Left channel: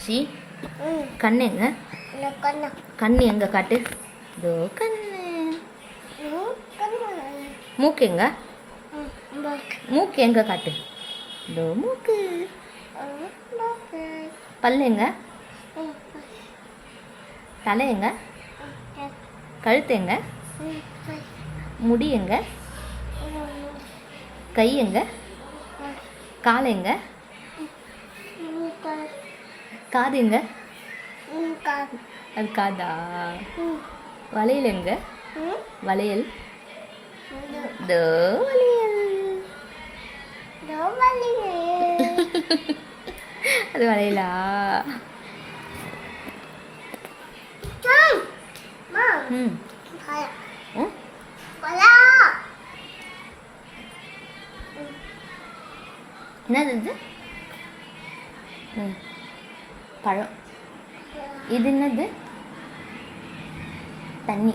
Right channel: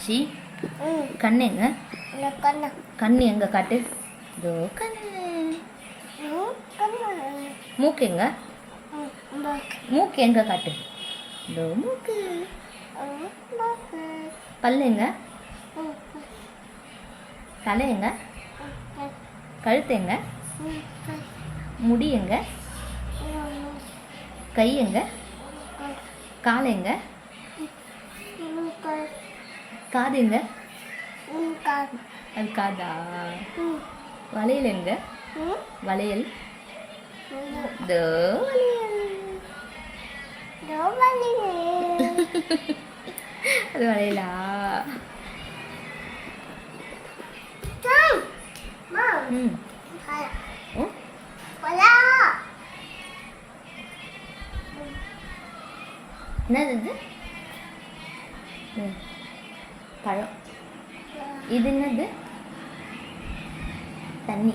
ஆஷி கண்ணு எங்க? கண்ணு எங்க காட்டு? இதோ கண்ணு. மூக்கு எங்க? மூக்கு எங்க காட்டு? இதோ மூக்கு. பல்லு எங்க? தலை எங்க? கழுத்து எங்க? முடி எங்க? கை எங்க? கால் எங்க? காது எங்க? அது காதா? வளையல் எங்க? வளையல் தோ அது வளையலா? என்னது இது? பழம். இது என்னது? தண்ணி.